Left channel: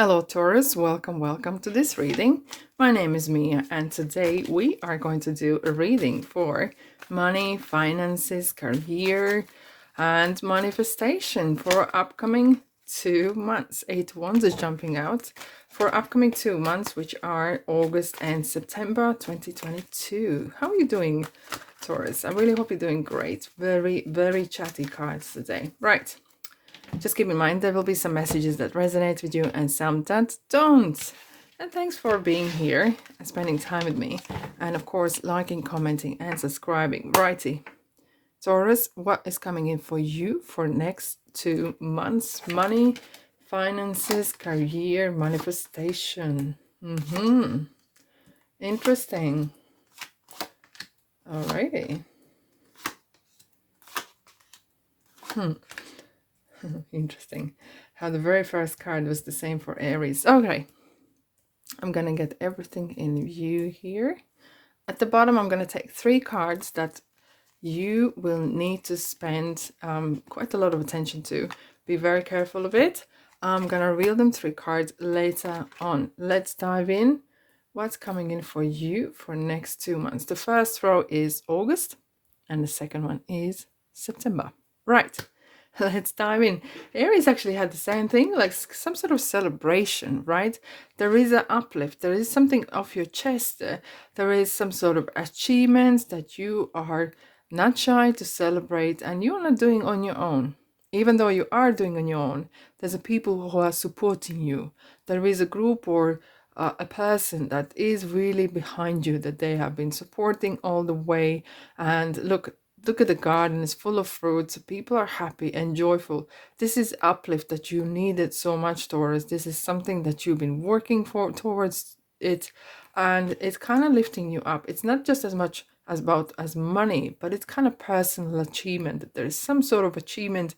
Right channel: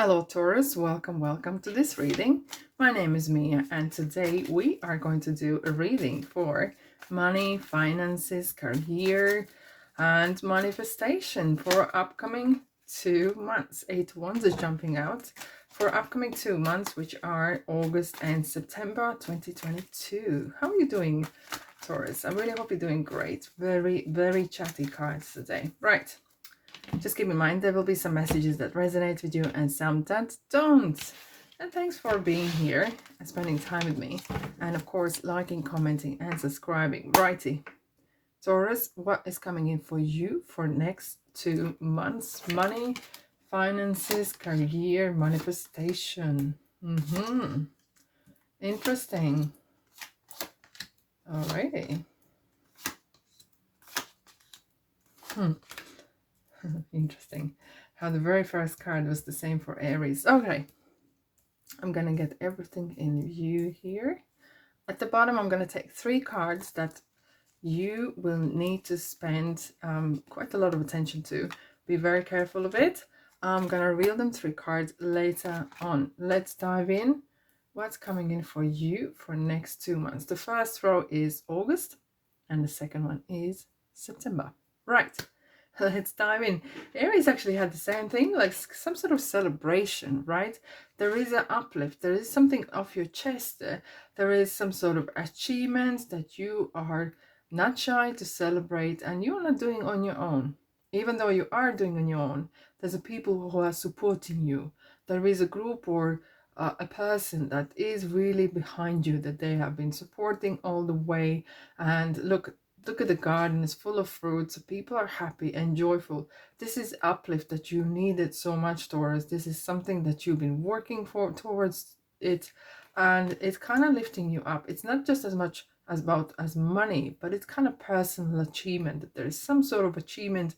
Hello Taurus, welcome to this reading. My name is Mia and today we are going to do a reading for money, finances, career and manifestation for upcoming 2 months. 8 wands is jumping out for upcoming 2 months, which are August and September 2022. How are you doing, Taurus? I really hope you're doing great. Very chatty cards today. Right. Just keep in mind there will be some messages that resonate with you and some that don't. And thanks for being here and spending time with me. And of course, liking, commenting, and subscribing. Righty. Taurus, what is coming in for you for next 2 months? Money, finances, career, manifestation. Interesting. Alrighty. Interesting how the very first card was the same for Aries. Okay, I'm gonna get everything in view here. At the bottom, I'm gonna take 3 cards that you will need to spend quite a lot of attention to. Be very careful of it. I'm gonna reveal them 3 cards later on. Let's dive in. What's coming in for you for next 2 months? The first row is August and the second one is September. Right. Let's dive in. Aries actually had the same thing, like some sort of celebration, right? There is an uplift. There is something off your chest. There is some sort of achievements that you are not shy to celebrate and you are not doing on your own. Even though you are doing on your own, there's a people who are supporting you. There is a group or a person that is really behind you, that they have been supporting all the way. And look at the garden, is full of fruits. People are happy and joyful. This is uplift that you needed so much, Taurus. This is something that you've been working for towards it, and it's kind of lifting you up. It's not just as much as money, but it's kind of personal achievement, that there is some sort of achievement,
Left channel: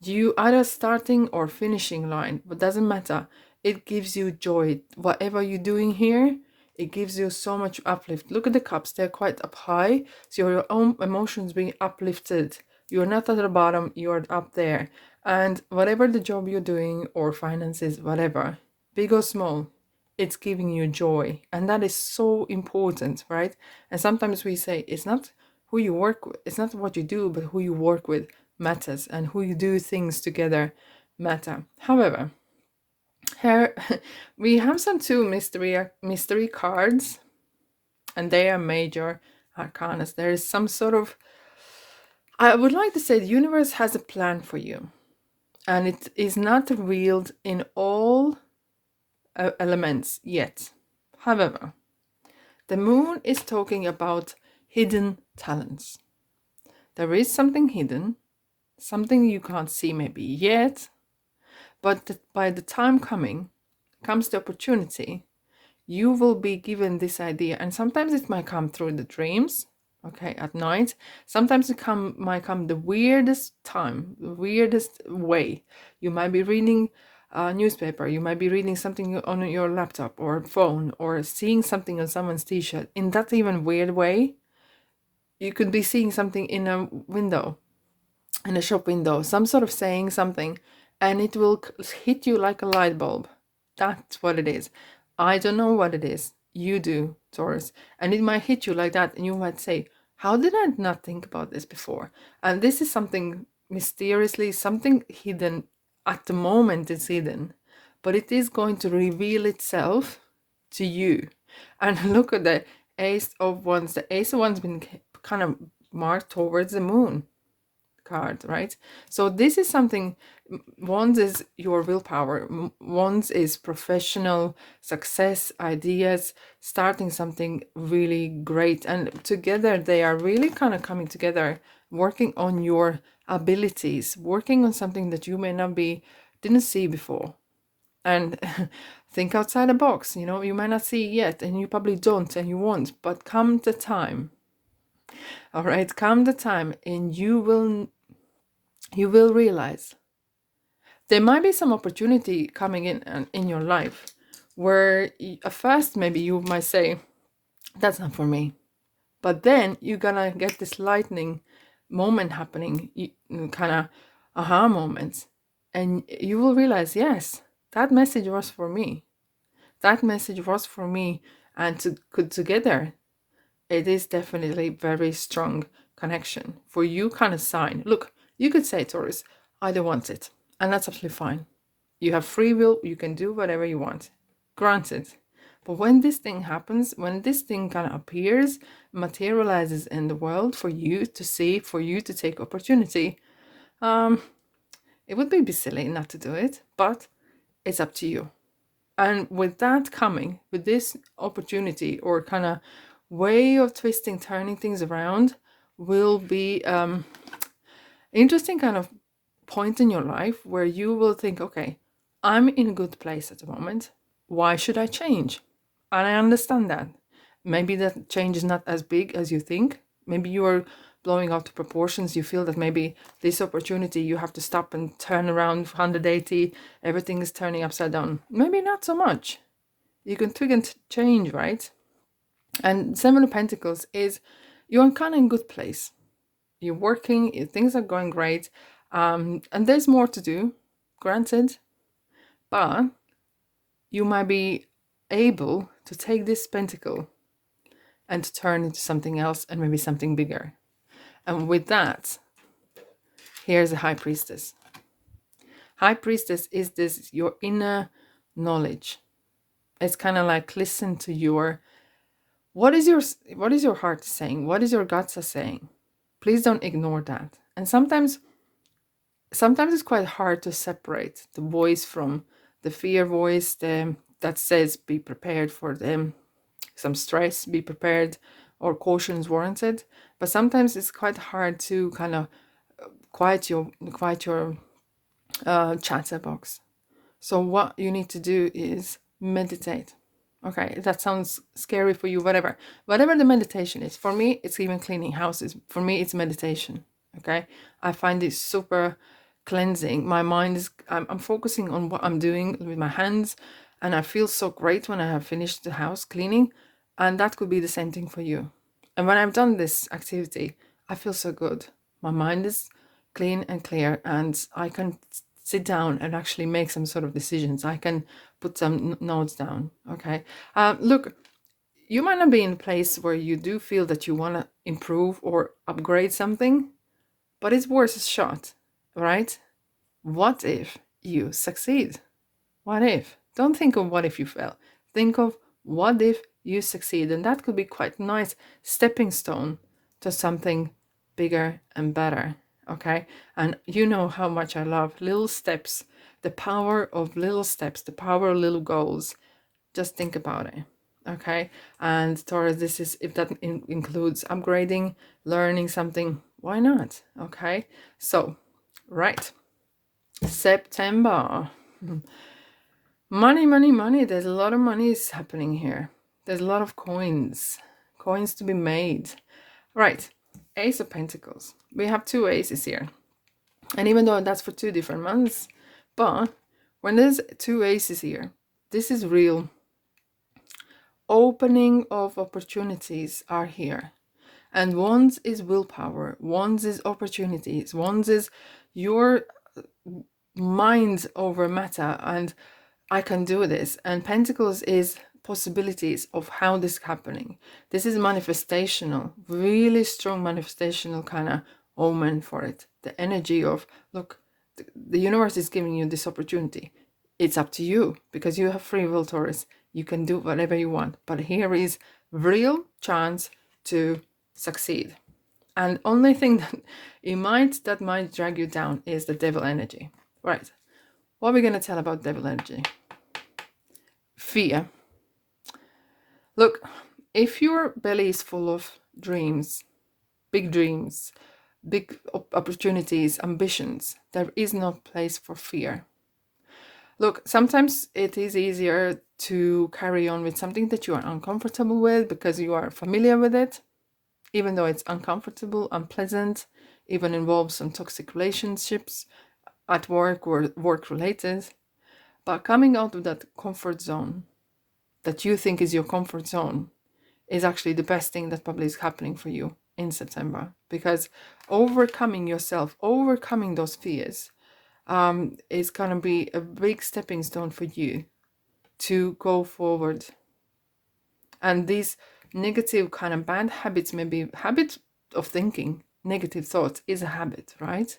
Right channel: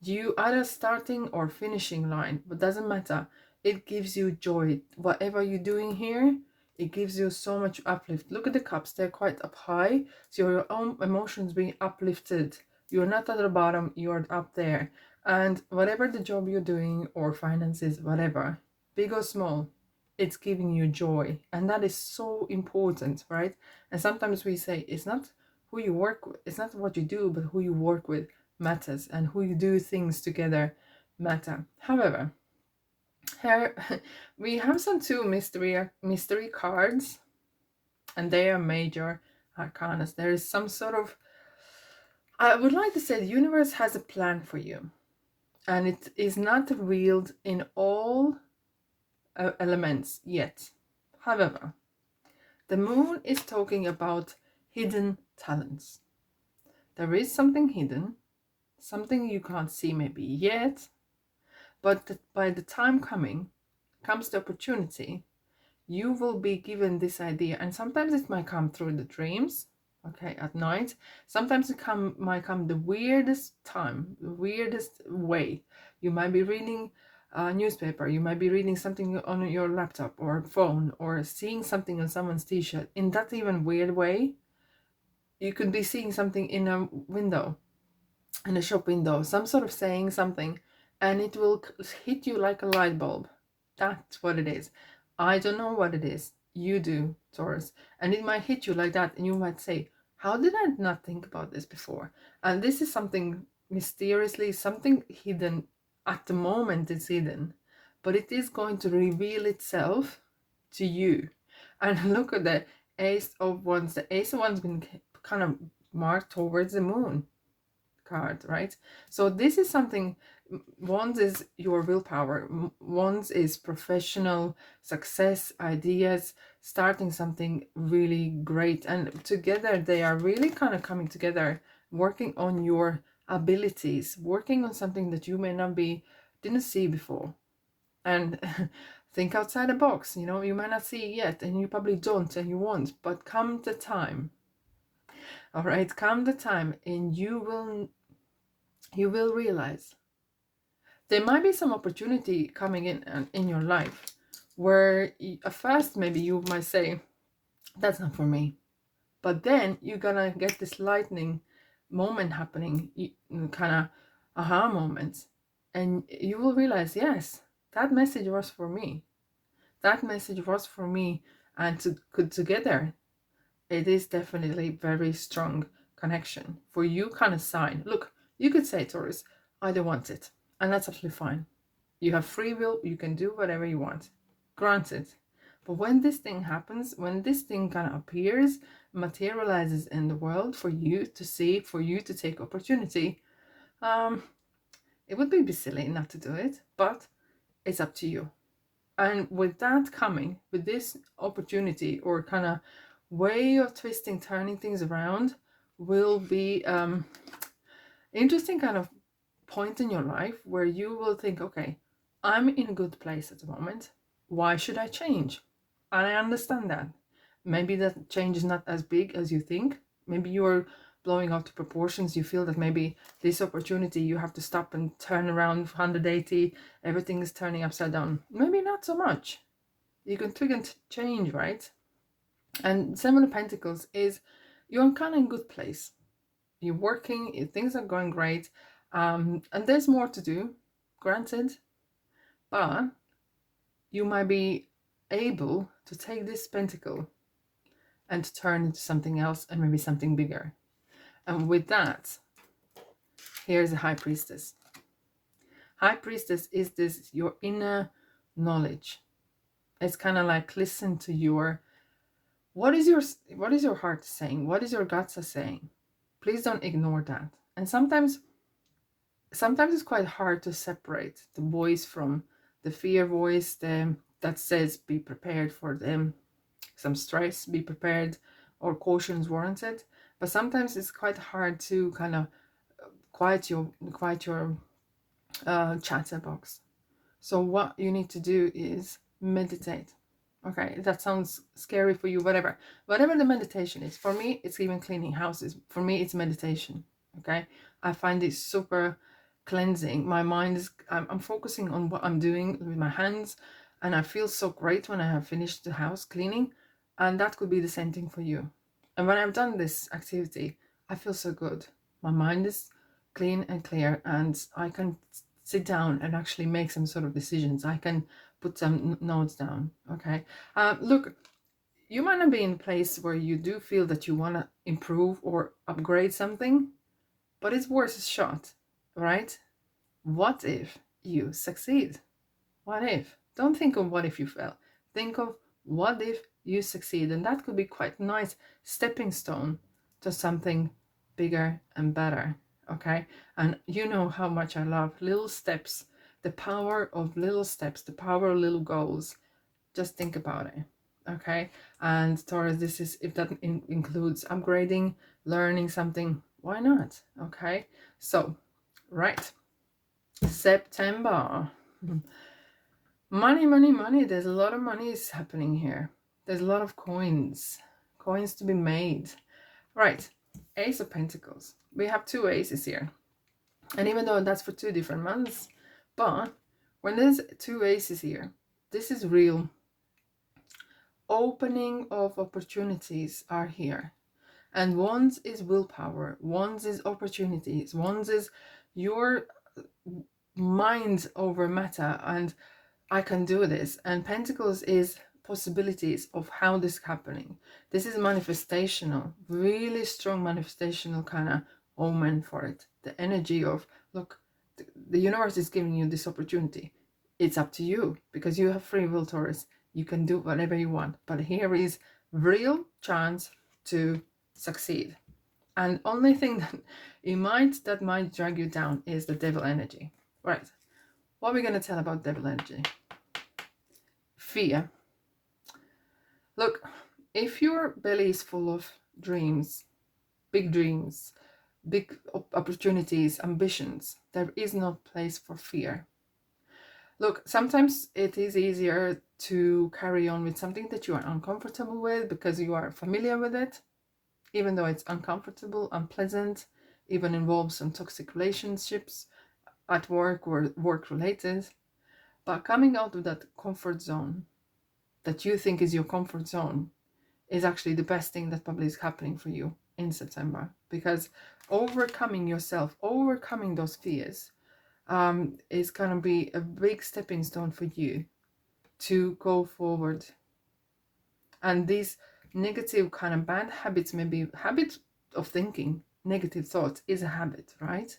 you either starting or finishing line, but doesn't matter. It gives you joy. Whatever you're doing here, it gives you so much uplift. Look at the cups, they're quite up high, so your own emotions being uplifted. You're not at the bottom, you're up there. And whatever the job you're doing or finances, whatever, big or small, it's giving you joy. And that is so important, right? And sometimes we say it's not who you work with, it's not what you do, but who you work with matters, and who you do things together matter. However, here we have some 2 mystery cards, and they are major arcanas. There is some sort of, I would like to say, the universe has a plan for you, and it is not revealed in all elements yet. However, the moon is talking about hidden talents. There is something hidden, something you can't see maybe yet, but by the time comes the opportunity, you will be given this idea. And sometimes it might come through the dreams, okay, at night. Sometimes it might come the weirdest time, the weirdest way. You might be reading a newspaper, you might be reading something on your laptop or phone, or seeing something on someone's t-shirt in that even weird way. You could be seeing something in a window, in a shop window, some sort of saying something, and it will hit you like a light bulb. That's what it is. I don't know what it is. You do, Taurus. And it might hit you like that, and you might say, how did I not think about this before? And this is something mysteriously, something hidden. At the moment it's hidden, but it is going to reveal itself to you. And look at the Ace of Wands. The Ace of Wands been kind of marked towards the moon card, right? So this is something. Wands is your willpower. Wands is professional success, ideas, starting something really great, and together they are really kind of coming together, working on your abilities, working on something that you may not didn't see before. And think outside the box. You know, you might not see yet, and you probably don't, and you won't, but come the time. All right, come the time, and you will realize there might be some opportunity coming in your life where at first maybe you might say, that's not for me. But then you're gonna get this lightning moment happening, kind of aha moments. And you will realize, yes, that message was for me. That message was for me, and together, it is definitely very strong connection for you kind of sign. Look, you could say, Taurus, I don't want it, and that's absolutely fine. You have free will, you can do whatever you want. Granted. But when this thing happens, when this thing kind of appears, materializes in the world for you to see, for you to take opportunity, it would be silly not to do it, but it's up to you. And with that coming, with this opportunity or kind of way of twisting, turning things around, will be interesting kind of point in your life where you will think, okay, I'm in a good place at the moment. Why should I change? And I understand that. Maybe that change is not as big as you think. Maybe you are blowing out to proportions. You feel that maybe this opportunity you have to stop and turn around 180. Everything is turning upside down. Maybe not so much. You can twig and change, right? And Seven of Pentacles is you're kind of in good place. You're working, things are going great, and there's more to do, granted, but you might be able to take this pentacle and to turn into something else and maybe something bigger. And with that, here's a High Priestess. High Priestess is this your inner knowledge. It's kind of like listen to your what is your heart saying? What is your guts are saying? Please don't ignore that. And sometimes it's quite hard to separate the voice from the fear voice, that says be prepared for them, some stress, be prepared, or caution is warranted. But sometimes it's quite hard to kind of quiet your chatterbox. So what you need to do is meditate. Okay, that sounds scary for you, whatever the meditation is. For me, it's even cleaning houses. For me, it's meditation. Okay, I find it super cleansing. My mind is, I'm focusing on what I'm doing with my hands, and I feel so great when I have finished the house cleaning. And that could be the same thing for you. And when I've done this activity, I feel so good. My mind is clean and clear, and I can sit down and actually make some sort of decisions. I can put some notes down. Okay, look, you might not be in a place where you do feel that you want to improve or upgrade something, but it's worth a shot, right? What if you succeed? What if? Don't think of what if you fail. Think of what if you succeed. And that could be quite a nice stepping stone to something bigger and better. Okay? And you know how much I love little steps, the power of little steps, the power of little goals. Just think about it. Okay? And Taurus, this is, if that includes upgrading, learning something, why not? Okay? So, right. September. Money, money, money. There's a lot of money is happening here. There's a lot of coins to be made. Right. Ace of Pentacles. We have two aces here. And even though that's for two different months, but when there's two aces here, this is real. Opening of opportunities are here. And one's is willpower. One's is opportunities. One's is your mind over matter. And I can do this. And Pentacles is possibilities of how this is happening. This is manifestational, really strong manifestational kind of omen for it. The energy of, look, the universe is giving you this opportunity. It's up to you because you have free will, Taurus. You can do whatever you want. But here is real chance to succeed. And only thing that might drag you down is the devil energy. Right. What are we going to tell about devil energy? Fear. Look, if your belly is full of dreams, big opportunities, ambitions, there is no place for fear. Look, sometimes it is easier to carry on with something that you are uncomfortable with because you are familiar with it, even though it's uncomfortable, unpleasant, even involves some toxic relationships at work or work related. But coming out of that comfort zone that you think is your comfort zone is actually the best thing that probably is happening for you in September, because overcoming yourself, overcoming those fears, is going to be a big stepping stone for you to go forward. And these negative kind of bad habits, maybe habit of thinking, negative thoughts is a habit, right?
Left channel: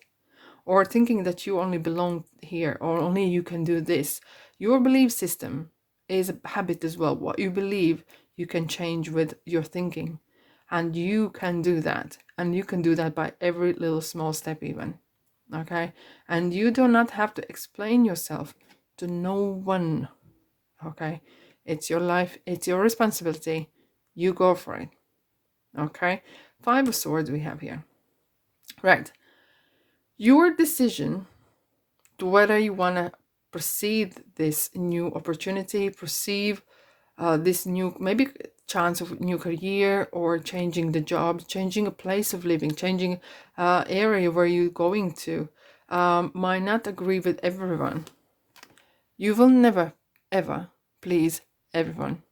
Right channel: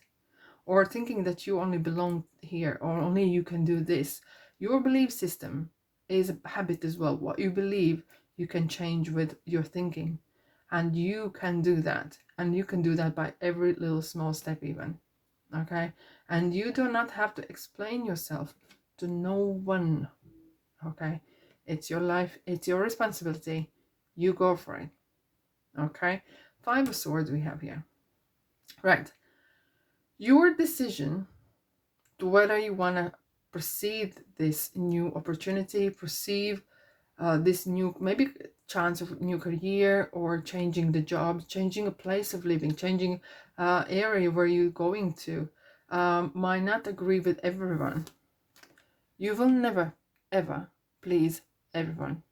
Or thinking that you only belong here, or only you can do this. Your belief system is a habit as well. What you believe, you can change with your thinking. And you can do that. And you can do that by every little small step even. Okay? And you do not have to explain yourself to no one. Okay? It's your life. It's your responsibility. You go for it. Okay? 5 of Swords we have here. Right. Your decision to whether you want to perceive this new opportunity, perceive this new maybe chance of new career, or changing the job, changing a place of living, changing area where you're going to, might not agree with everyone. You will never ever please everyone.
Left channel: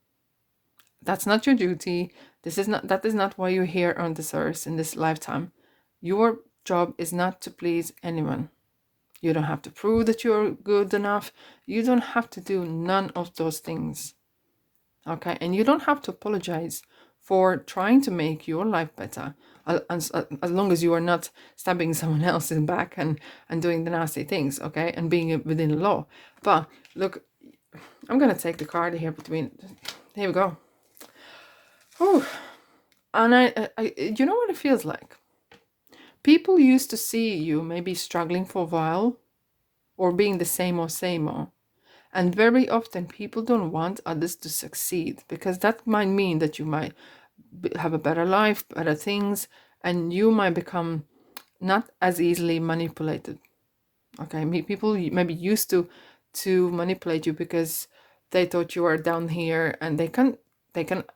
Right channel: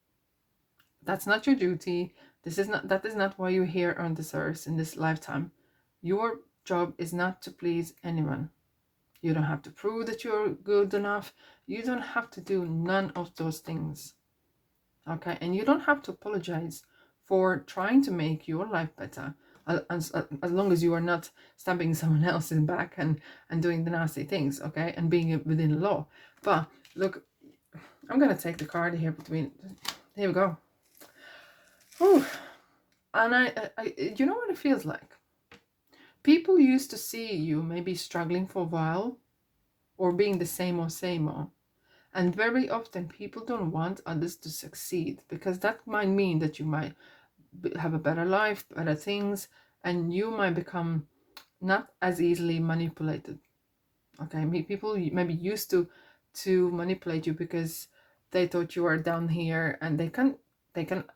That's not your duty. That is not why you're here on this earth in this lifetime. Your job is not to please anyone. You don't have to prove that you're good enough. You don't have to do none of those things. Okay? And you don't have to apologize for trying to make your life better, as long as you are not stabbing someone else in the back and doing the nasty things, okay? And being within the law. But look, I'm going to take the card here between... Here we go. Oh, and I you know what it feels like? People used to see you maybe struggling for a while, or being the same or same. And very often people don't want others to succeed, because that might mean that you might have a better life, better things, and you might become not as easily manipulated. Okay, people maybe used to manipulate you because they thought you were down here, and they can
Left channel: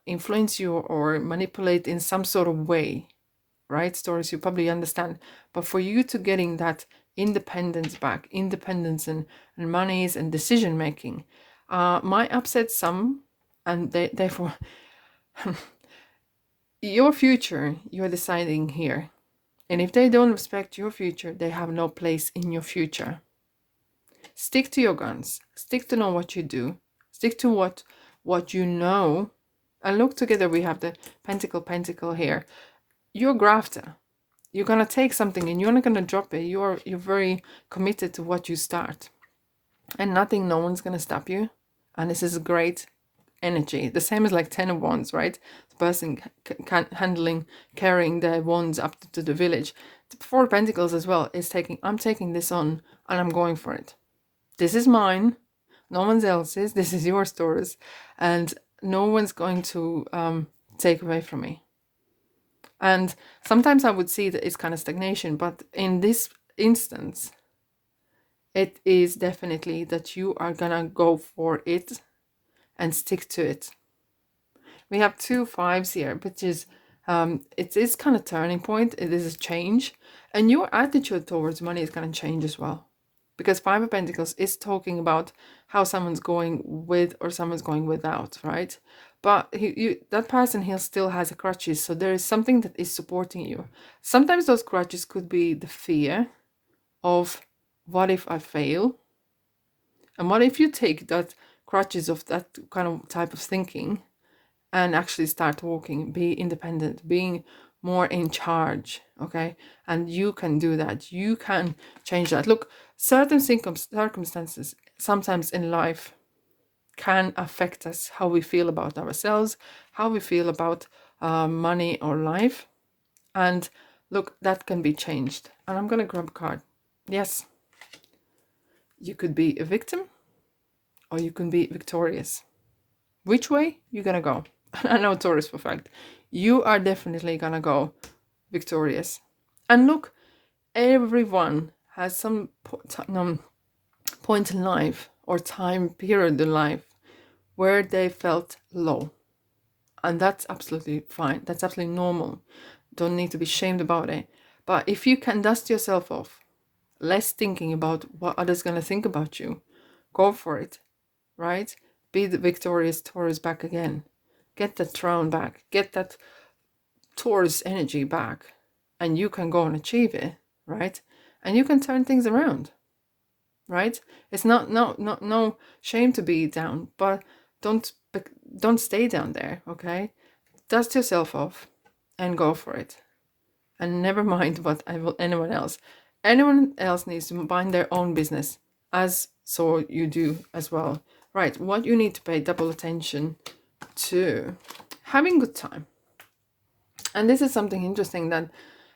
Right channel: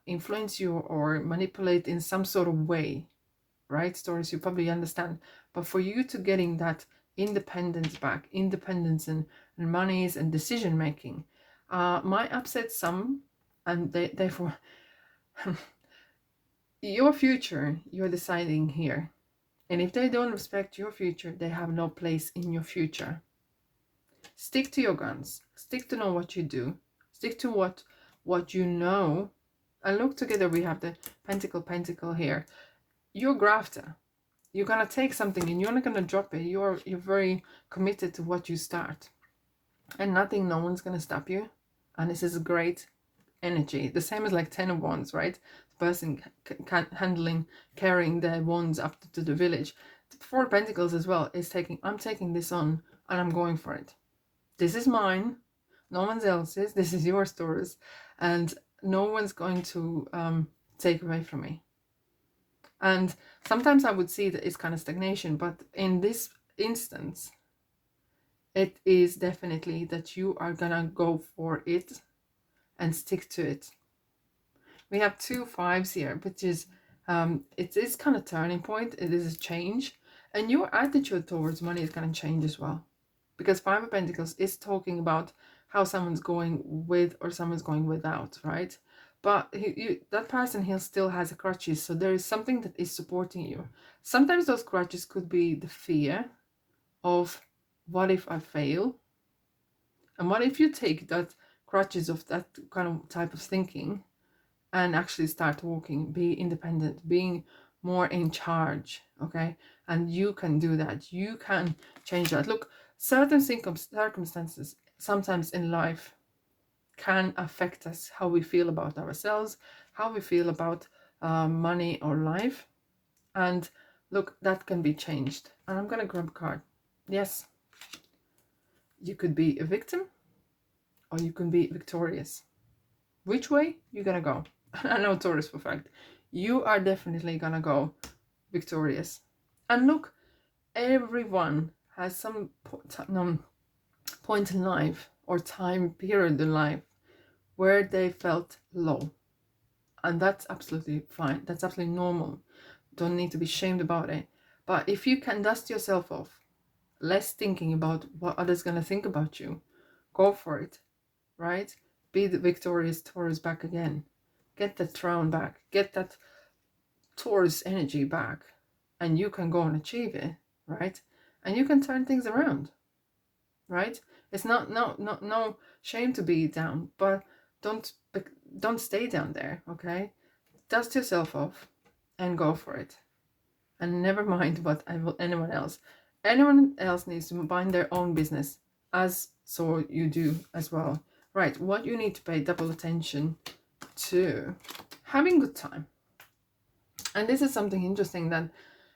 influence you or manipulate in some sort of way, right? Stories you probably understand. But for you to getting that independence back, independence and monies and decision making, might upset some, and therefore your future you're deciding here. And if they don't respect your future, they have no place in your future. Stick to your guns. Stick to know what you do. Stick to what you know. And look, together we have the pentacle here. You're a grafter. You're gonna take something and you're not gonna drop it. You're very committed to what you start, and no one's gonna stop you. And this is a great energy. The same as like 10 of Wands, right? The person carrying the wands up to the village. The 4 of Pentacles as well is I'm taking this on and I'm going for it. This is mine. No one's else's. This is your Taurus, and no one's going to take away from me. And sometimes I would see that it's kind of stagnation, but in this instance, it is definitely that you are gonna go for it and stick to it. We have 2 5s here, which is it is kind of turning point. It is a change, and your attitude towards money is going to change as well, because 5 of Pentacles is talking about how someone's going with or someone's going without, right? But that person, he still has a crutches, so there is something that is supporting you. Sometimes those crutches could be the fear of, what if I fail? And what if you take that crutches of that kind of type of thinking and actually start walking, be independent, being more in charge, okay? And you can do that. You can change that. Look, certain circumstances sometimes in life can affect us, how we feel about ourselves, how we feel about money or life. And look, that can be changed. And I'm going to grab a card. Yes, you could be a victim or you can be victorious. Which way you going to go? I know Taurus for a fact. You are definitely going to go victorious. And look, everyone has some point in life or time period in life where they felt low. And that's absolutely fine. That's absolutely normal. Don't need to be shamed about it. But if you can dust yourself off, less thinking about what others going to think about you, go for it, right? Be the victorious Taurus back again. Get that throne back. Get that Taurus energy back. And you can go and achieve it, right? And you can turn things around. right? It's no shame to be down, but don't don't stay down there, okay? Dust yourself off and go for it. And never mind what anyone else. Anyone else needs to mind their own business, as so you do as well. Right, what you need to pay double attention to: having good time. And this is something interesting, that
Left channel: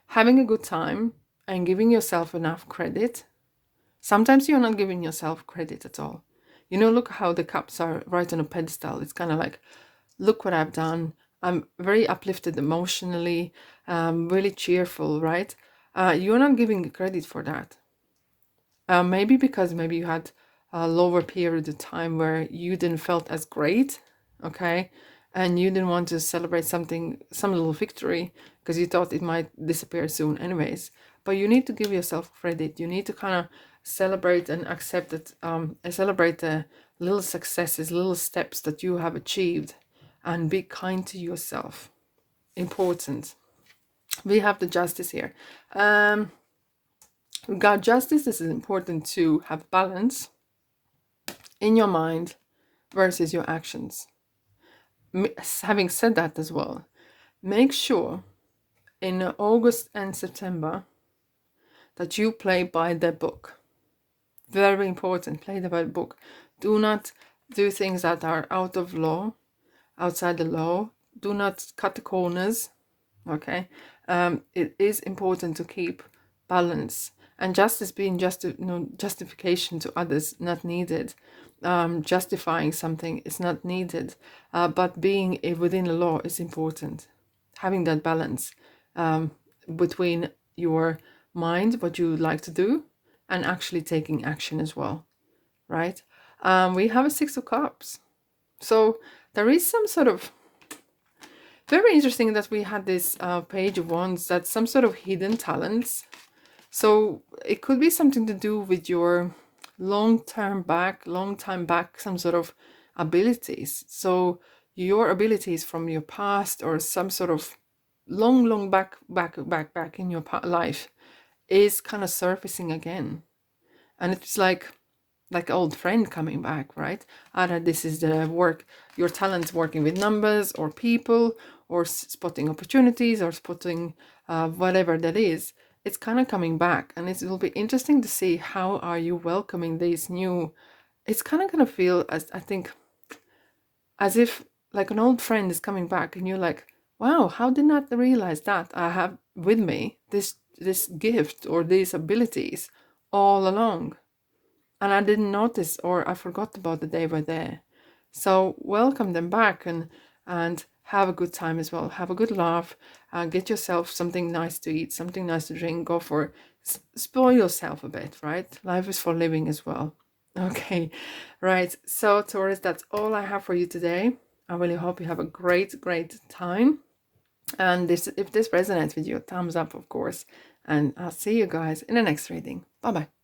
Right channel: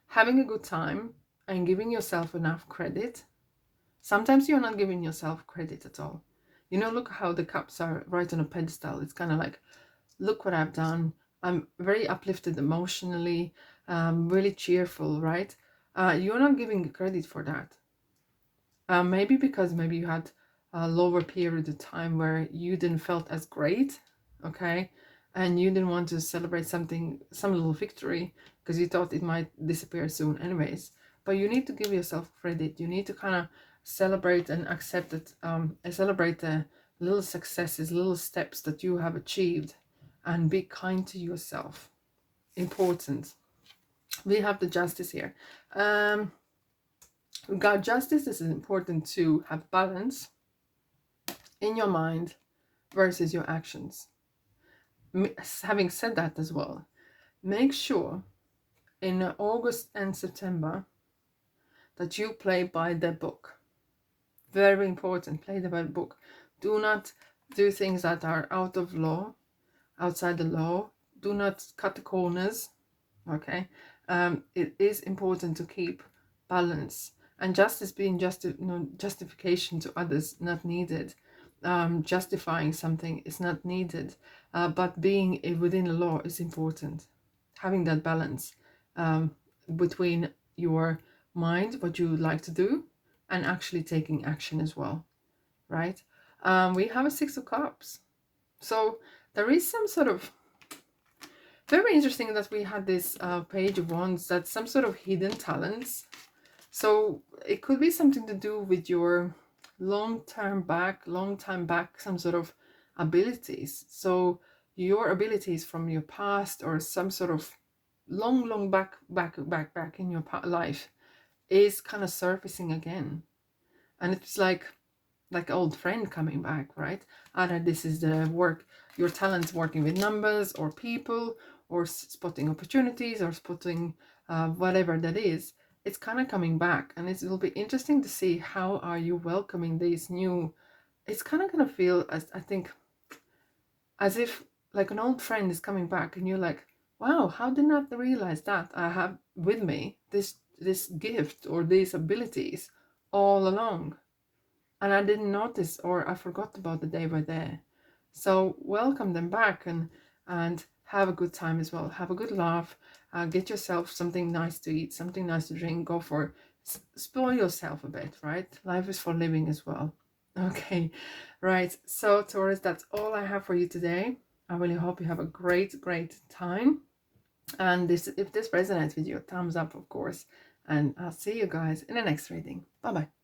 having a good time and giving yourself enough credit. Sometimes you're not giving yourself credit at all. You know, look how the cups are right on a pedestal. It's kind of like, look what I've done. I'm very uplifted emotionally, really cheerful, right? You're not giving credit for that. Maybe because maybe you had a lower period of time where you didn't felt as great, okay? And you didn't want to celebrate something, some little victory, because you thought it might disappear soon anyways. But you need to give yourself credit. You need to kind of celebrate and accept it, celebrate the little successes, little steps that you have achieved, and be kind to yourself. Important. We have the justice here. God, justice is important to have balance in your mind versus your actions. Having said that as well, make sure in August and September that you play by the book. Very important, play by the book. Do not do things that are out of law, outside the law. Do not cut the corners, okay? It is important to keep balance. And justice being just justification to others, not needed. Justifying something is not needed, but being within the law is important. Having that balance between your mind, what you like to do, and actually taking action as well, right? We have a Six of Cups. So there is some sort of, very interesting that we had this Page of Wands, that's some sort of hidden talents. So it could be something to do with your long time back, some sort of abilities. So your abilities from your past, or some sort of long back in your life, is kind of surfacing again. And it's like old friend coming back, right? Either this is the work, your talents working with numbers or people, or spotting opportunities, or spotting whatever that is. It's kind of coming back, and it will be interesting to see how are you welcoming these new. It's kind of going to feel, as I think, as if like an old friend is coming back, and you're like, wow, how did not realize that I have with me this gift or these abilities all along, and I didn't notice, or I forgot about the day were there. So welcome them back, and have a good time as well. Have a good laugh. Get yourself something nice to eat, something nice to drink. Go for spoil yourself a bit, right? Life is for living as well. Okay, right. So Taurus, that's all I have for you today. I really hope you have a great time. And if this resonates with you, thumbs up, of course. And I'll see you guys in the next reading. Bye bye.